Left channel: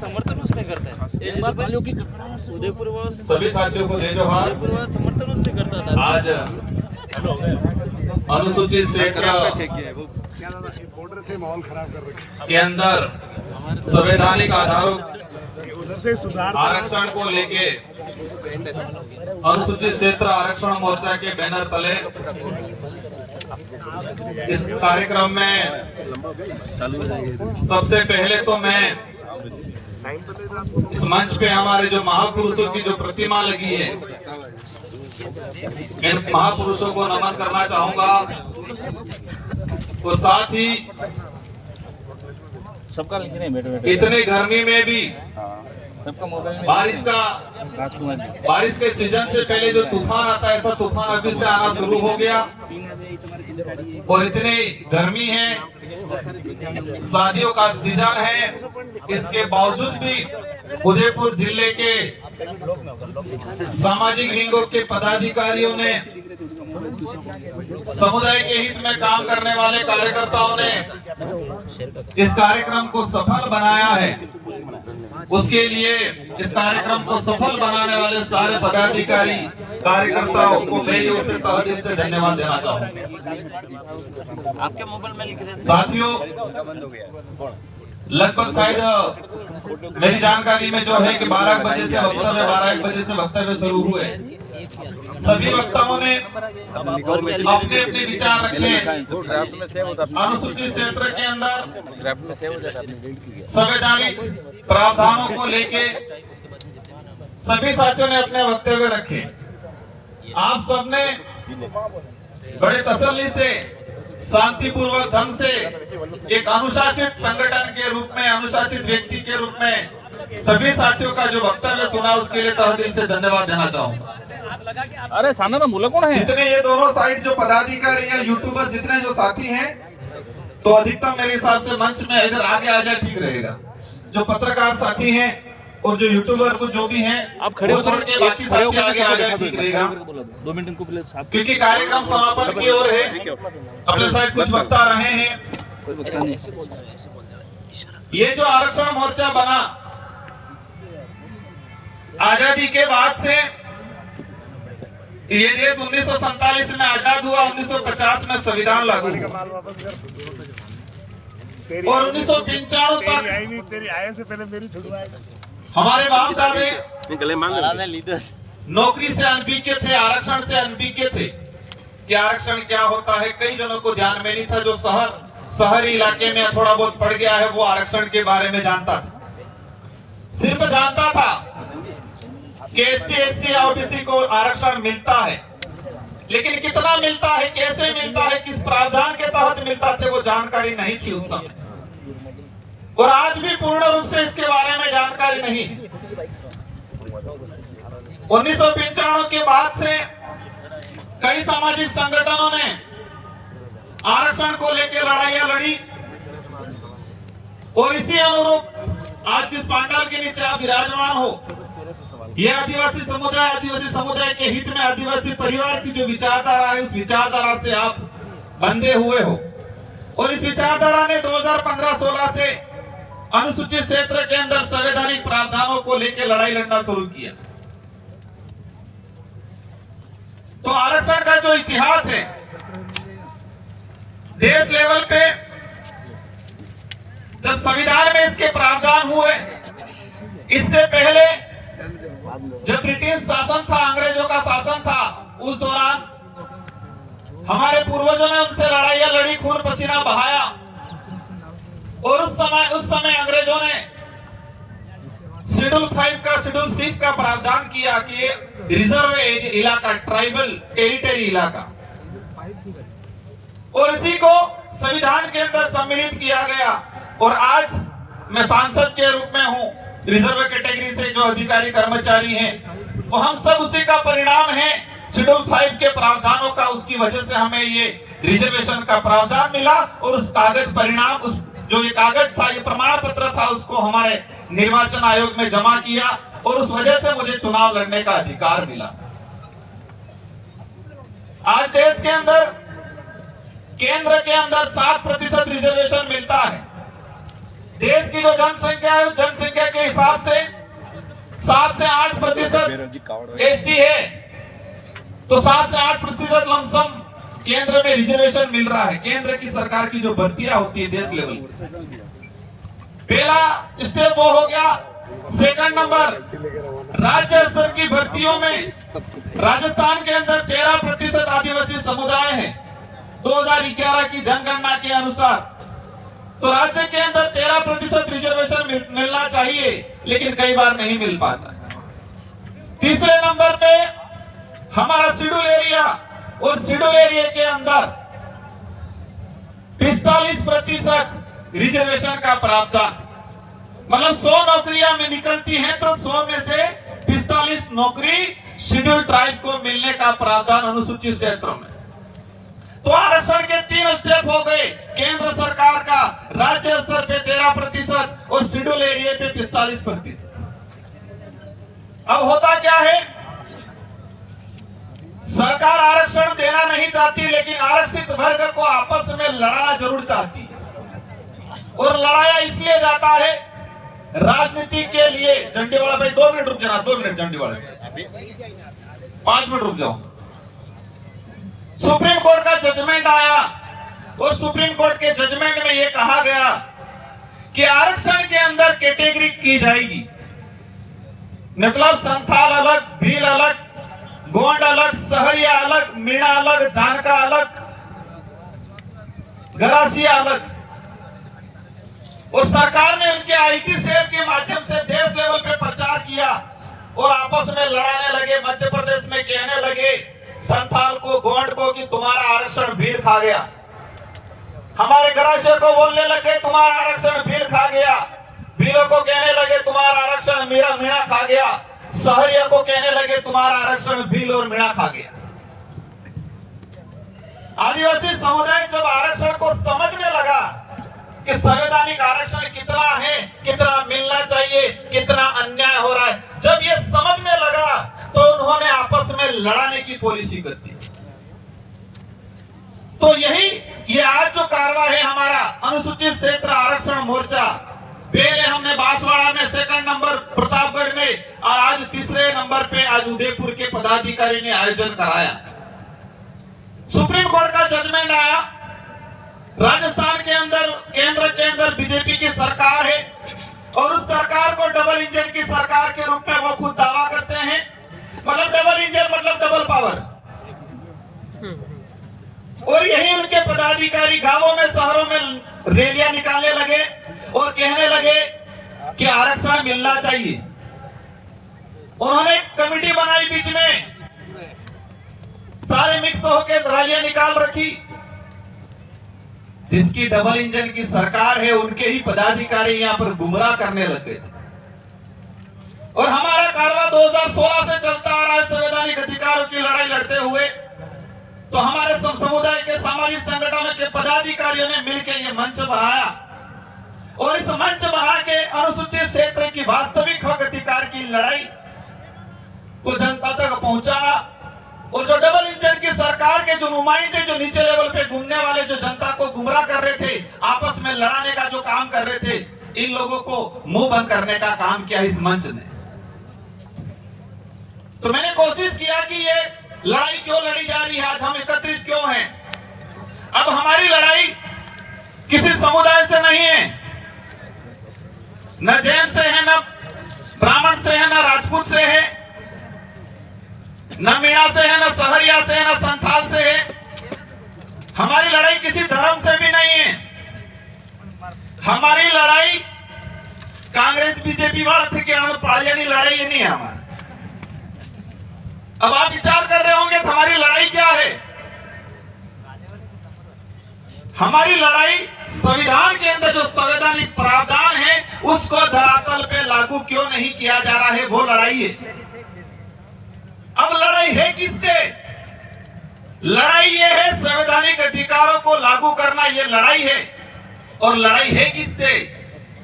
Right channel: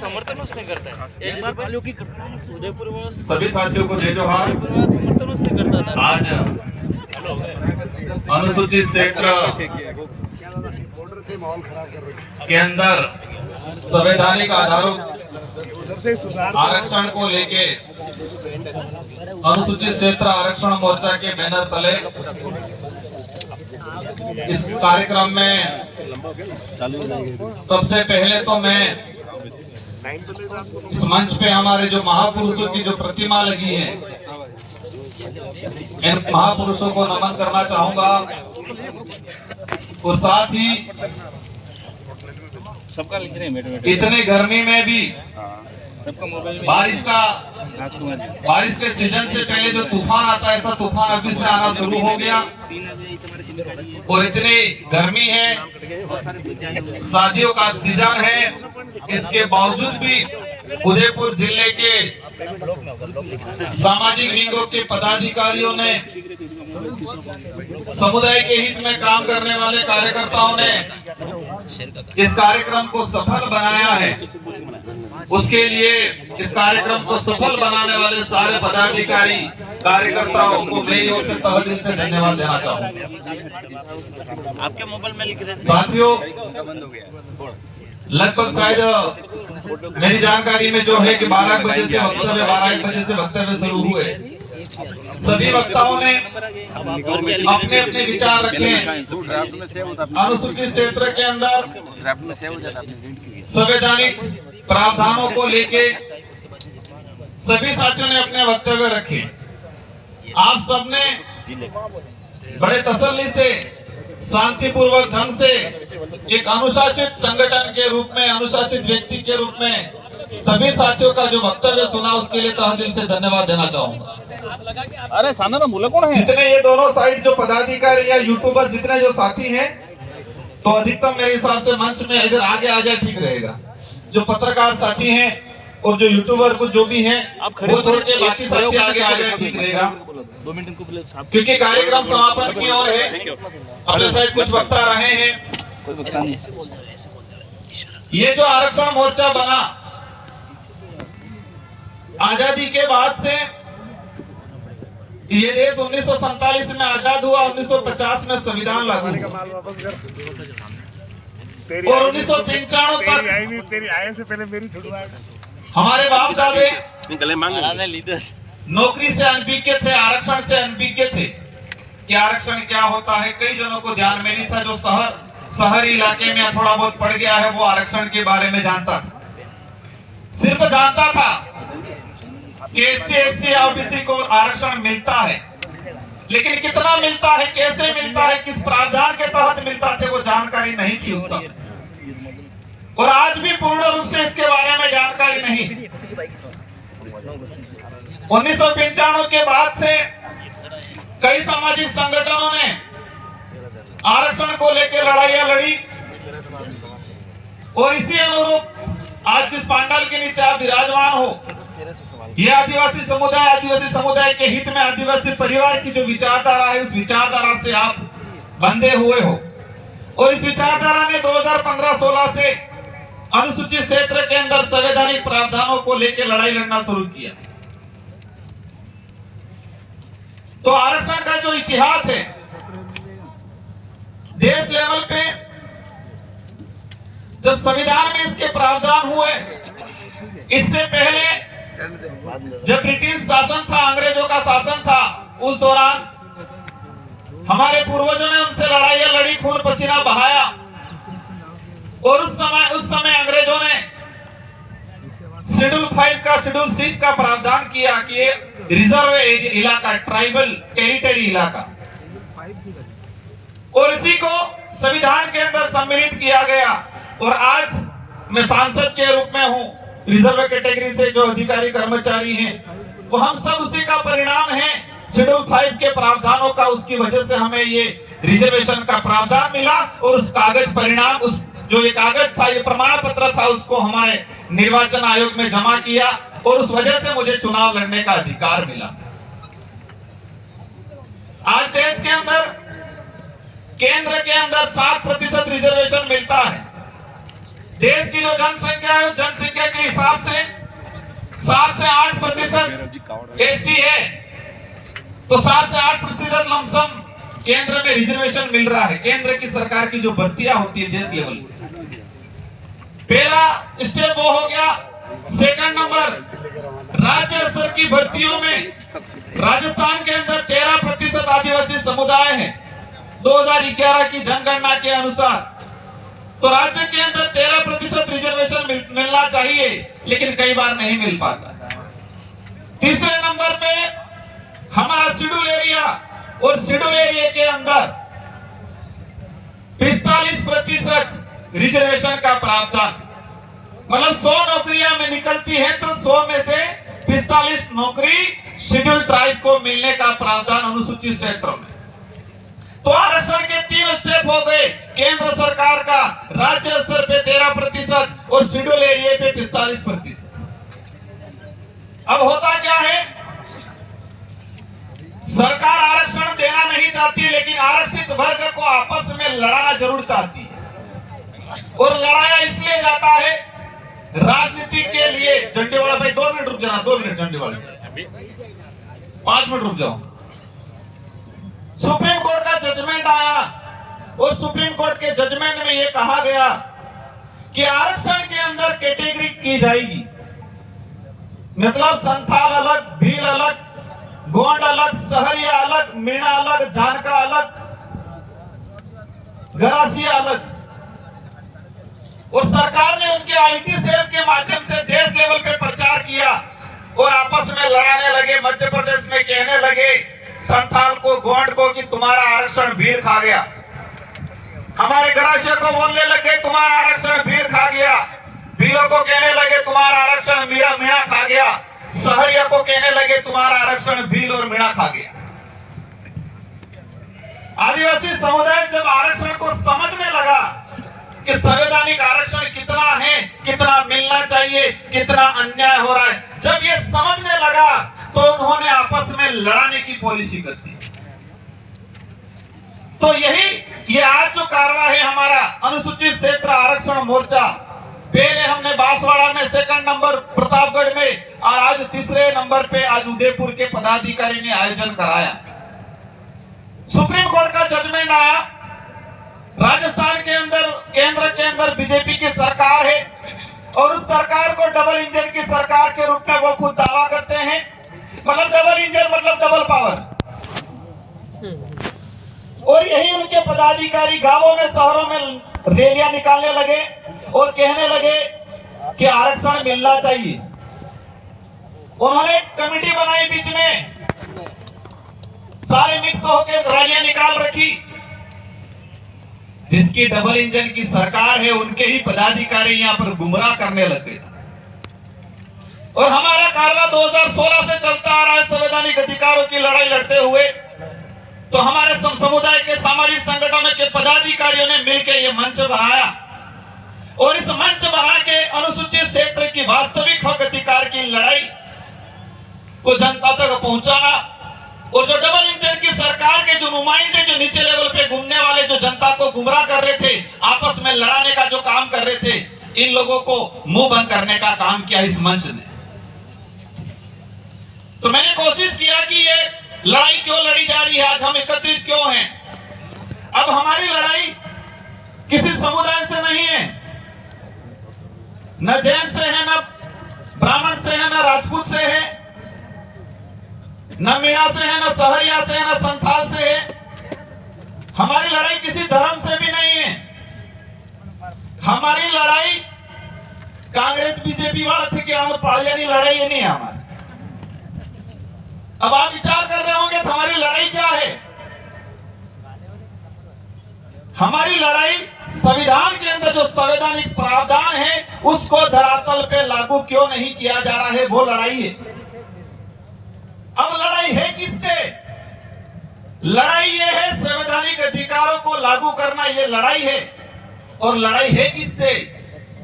समर्थन उसने करता है। एक बार वालों की उदयपुर सभी साथियों को जय जोहार। समर्थन उसने करता था। आज अनुसूचित क्षेत्र के अंदर संवैधानिक आधारों आरक्षण को लेके अनुसूचित क्षेत्र आरक्षण मोर्चा के बैनर तले इस कार्यक्रम में सबसे पहले तो मैं इस मंच पे हमारे जो महापुरुषों की जो प्रतिमा लगी है, इन महापुरुषों को नमन करना चाहूंगा। और साथ ही सबका लिख रहे हैं इतने गर्मी में भी सबका मोबाइल में बारिश के सीजन से पहले जो तूफान आता है, ऐसा तूफान अभी से आना शुरू हो गया। और इतनी गर्मी है, शादियों का सीजन है, इसके बावजूद भी उदयपुर जिले के सामाजिक विंगों के पदाधिकारियों ने, समुदाय के हित में काम करने वाले कार्यकर्ताओं ने इस कार्यक्रम को सफल बनाया है। उसके लिए इस कार्यक्रम को सफल बनाने वाले सारे पदाधिकारी कार्यकर्ताओं को मेरी ओर से तहे दिल से धन्यवाद देना चाहूँगा। आपके मोबाइल में लिख रहे थे साथियों, लगभग शायद मेरी जानकारी में जो है कि 12 बजे से वक्तव्य 12-1 बजे से वक्तव्य शुरू हुए। सभी वक्ताओं ने अपने अपने विचार रखे। अनुसूचित क्षेत्र के अंदर संवैधानिक प्रावधानों को लेके सभी साथियों ने अपने वक्तव्य रखे। आप सबने बड़े तसल्ली से, शांतिपूर्वक ढंग से एक अनुशासित संगठन के रूप में, अनुशासित व्यक्ति के रूप में सभी साथियों का जो वक्तव्य सुना, उसके लिए तहे दिल से धन्यवाद देना चाहूंगा। अरे सामने में बोला कौन है? जितने ये दोनों साइड जो पदाधिकारी या यूट्यूबर जितने जो साथी हैं, तो अधिकतम मेरे हिसाब से मंच में इधर आगे आ जाए ठीक रहेगा। जो पत्रकार साथी हैं और जो यूट्यूबर कुछ जो भी हैं, आप खड़े हो छोड़ के बाकी साथी आगे आ जाए ठीक रहेगा। 2 मिनट इनको क्योंकि कार्यक्रम समापन की ओर है। अपने साइड कुछ वक्ता रहे हैं। ये जो आरक्षण मोर्चा बना, आजादी के बाद से ये देश 1947 में आजाद हुआ, 1950 में संविधान लागू हुआ और 1995 तक तेरी आय से पहले मेरी छुड़वाएगा। हमारे बाप दादे लीडर नौकरी से अनभिज्ञ थे, आरक्षण से अनभिज्ञ थे कि आरक्षण क्या होता है। कई जनों को ध्यान में नहीं था। जो शहरी इलाके में थोड़ा बहुत पड़ गया है, वो आरक्षण के बारे में जानता था। सिर्फ जानता था कि ST/SC OBC को आरक्षण मिलता है, लेकिन कितना मिलता है, कैसे मिलता है, किस प्रावधान के तहत मिलता थे, वो जानकारी नहीं थी उस समय। और आज भी पूर्ण रूप से इसके बारे में जानकारी नहीं। 1995 के बाद से कई सामाजिक संगठनों ने आरक्षण को लेकर लड़ाइयां लड़ी और इसी अनुरूप आज जिस पांडाल के नीचे आप विराजमान हो, ये आदिवासी समुदाय के हित में, आदिवासी परिवार की जो विचारधारा है, उस विचारधारा से आप बंधे हुए हो। और इस विचारधारा ने 2015-16 से अनुसूचित क्षेत्र के अंदर संवैधानिक प्रावधानों को लेकर लड़ाई लड़ना शुरू किया। तो आरक्षण का जो इतिहास है, देश लेवल पे जब संविधान में इसके प्रावधान हुए, इससे पहले जब ब्रिटिश शासन था, अंग्रेजों का शासन था, उस दौरान हमारे पूर्वजों ने उनसे लड़ाइयां लड़ी, खून पसीना बहाया। और उस समय अंग्रेजों ने शेड्यूल 5 का, शेड्यूल 6 का प्रावधान किया कि ये रिजर्व इलाका, ट्राइबल टेरिटरी इलाका, और इसी को संविधान के अंदर सम्मिलित किया गया। और आज मैं सांसद के रूप में हूं। रिजर्व कैटेगरी से जो अधिकारी कर्मचारी हैं, वो हम सब उसी का परिणाम है, शेड्यूल 5 के प्रावधानों का। उसकी वजह से हमें ये रिजर्वेशन का प्रावधान मिला और उस कागज परिणाम, उस जो ये कागज था, ये प्रमाण पत्र था, उसको हमारे निर्वाचन आयोग में जमा किया और उस वजह से मुझे चुनाव लड़ने का अधिकार मिला। आज देश के अंदर, केंद्र के अंदर 7% रिजर्वेशन मिलता है। देश की जो जनसंख्या है, उस जनसंख्या के हिसाब से 7 से 8% एसटी है, तो 7 से 8% लमसम केंद्र में रिजर्वेशन मिल रहा है। केंद्र की सरकार की जो भर्तियां होती है देश लेवल पर, पहला स्टेप वो हो गया। सेकंड नंबर, राज्य स्तर की भर्तियों में राजस्थान के अंदर 13% आदिवासी समुदाय है 2011 की जनगणना के अनुसार। तो राज्य के अंदर 13% रिजर्वेशन मिलना चाहिए, लेकिन कई बार नहीं मिल पाता। तीसरे नंबर पे हमारा शेड्यूल एरिया, और शेड्यूल एरिया के अंदर 45% रिजर्वेशन का प्रावधान, मतलब 100 नौकरियां में निकलती हैं तो 100 में से 45 नौकरी शेड्यूल ट्राइब को मिलने का प्रावधान अनुसूचित क्षेत्रों में। तो आरक्षण के 3 स्टेप हो गए, केंद्र सरकार का राज्य स्तर पे 13% और शेड्यूल एरिया पे 45%। अब होता क्या है, सरकार आरक्षण देना नहीं चाहती, लेकिन आरक्षित वर्ग को आपस में लड़ाना जरूर चाहती है। और लड़ाया इसलिए जाता है राजनीति के लिए। झंडेवाला भाई 2 मिनट रुक जाना, 2 मिनट झंडेवाला, 5 मिनट रुक जाओ। सुप्रीम कोर्ट का जजमेंट आया और सुप्रीम कोर्ट के जजमेंट में यह कहा गया कि आरक्षण के अंदर कैटेगरी की जाएगी, मतलब संथाल अलग, भील अलग, गोंड अलग, सहरिया अलग, मीणा अलग, धानका अलग, गरासिया अलग। और सरकार ने उनके आईटी सेल के माध्यम से देश लेवल पे प्रचार किया और आपस में लड़ाने लगे। मध्य प्रदेश में कहने लगे संथाल को, गोंड को कि तुम्हारा आरक्षण भीड़ खा गया, हमारे गरासिया को बोलने लगे तुम्हारा आरक्षण भीड़ खा गया, भीलों को कहने लगे तुम्हारा आरक्षण मीणा खा गया, सहरिया को कहने लगे तुम्हारा आरक्षण भील और मीणा खा गया। आदिवासी समुदाय जब आरक्षण को समझने लगा कि संवैधानिक आरक्षण कितना है, कितना मिलना चाहिए, कितना अन्याय हो रहा है, जब ये समझने लगा तो उन्होंने आपस में लड़ाने की पॉलिसी कर दी। तो ये आज जो कार्रवाई है हमारा अनुसूचित क्षेत्र आरक्षण मोर्चा, पहले हमने बांसवाड़ा में, सेकंड नंबर प्रतापगढ़ में, और आज तीसरे नंबर पे आज उदयपुर के पदाधिकारी ने आयोजन कराया। सुप्रीम कोर्ट का जजमेंट आया, राजस्थान के अंदर केंद्र के अंदर बीजेपी की सरकार है और उस सरकार को डबल इंजन की सरकार के रूप में वो खुद दावा करते हैं। मतलब डबल इंजन मतलब डबल पावर। और यही उनके पदाधिकारी गांवों में, शहरों में रैलियां निकालने लगे और कहने लगे कि आरक्षण मिलना चाहिए। उन्होंने कमेटी बनाई, बीच में सारे मिक्स होकर रैलियां निकाल रखी। जिसकी डबल इंजन की सरकार है उनके ही पदाधिकारी यहां पर गुमराह करने लगे। और हमारा कारवा 2016 से चलता आ रहा है संवैधानिक अधिकारों की लड़ाई लड़ते हुए। तो हमारे समुदाय के सामाजिक संगठनों के पदाधिकारियों ने मिलकर यह मंच बनाया और इस मंच बना के अनुसूचित क्षेत्र की वास्तविक हक अधिकार की लड़ाई को जनता तक पहुंचाना। और जो डबल इंजन की सरकार के जो नुमाइंदे जो नीचे लेवल पे घूमने वाले जो जनता को गुमराह कर रहे थे, आपस में लड़ाने का जो काम कर रहे थे, इन लोगों को मुंह बंद करने का काम किया इस मंच ने। तो मैंने कोशिश किया कि ये लड़ाई क्यों लड़ी जा रही है, आज हम एकत्रित क्यों हैं। अब हमारी लड़ाई किसी समुदाय से नहीं है, न जैन से है, न ब्राह्मण से है, न राजपूत से है, न मीणा से है, न सहरिया से है, न संथाल से है। हमारी लड़ाई किसी धर्म से भी नहीं है। हमारी लड़ाई कांग्रेस बीजेपी वाला थे कि पालियानी लड़ाई ये नहीं है हमारी। अब आप विचार कर रहे होंगे हमारी लड़ाई क्या है। हमारी लड़ाई संविधान के अंदर जो संवैधानिक प्रावधान है उसको धरातल पे लागू क्यों नहीं किया जा रहा है, वो लड़ाई है। अब लड़ाई है किससे? लड़ाई ये है संवैधानिक अधिकारों को लागू करना, ये लड़ाई है। और लड़ाई है किससे?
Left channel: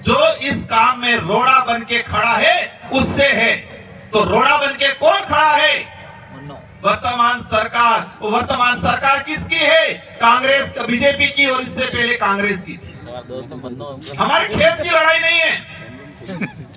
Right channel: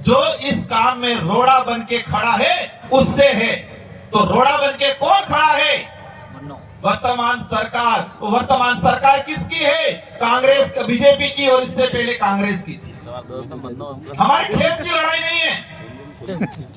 जो इस काम में रोड़ा बन के खड़ा है उससे है। तो रोड़ा बन के कौन खड़ा है? वर्तमान सरकार। वर्तमान सरकार किसकी है? कांग्रेस, बीजेपी की, और इससे पहले कांग्रेस की थी। हमारे खेत की लड़ाई नहीं है।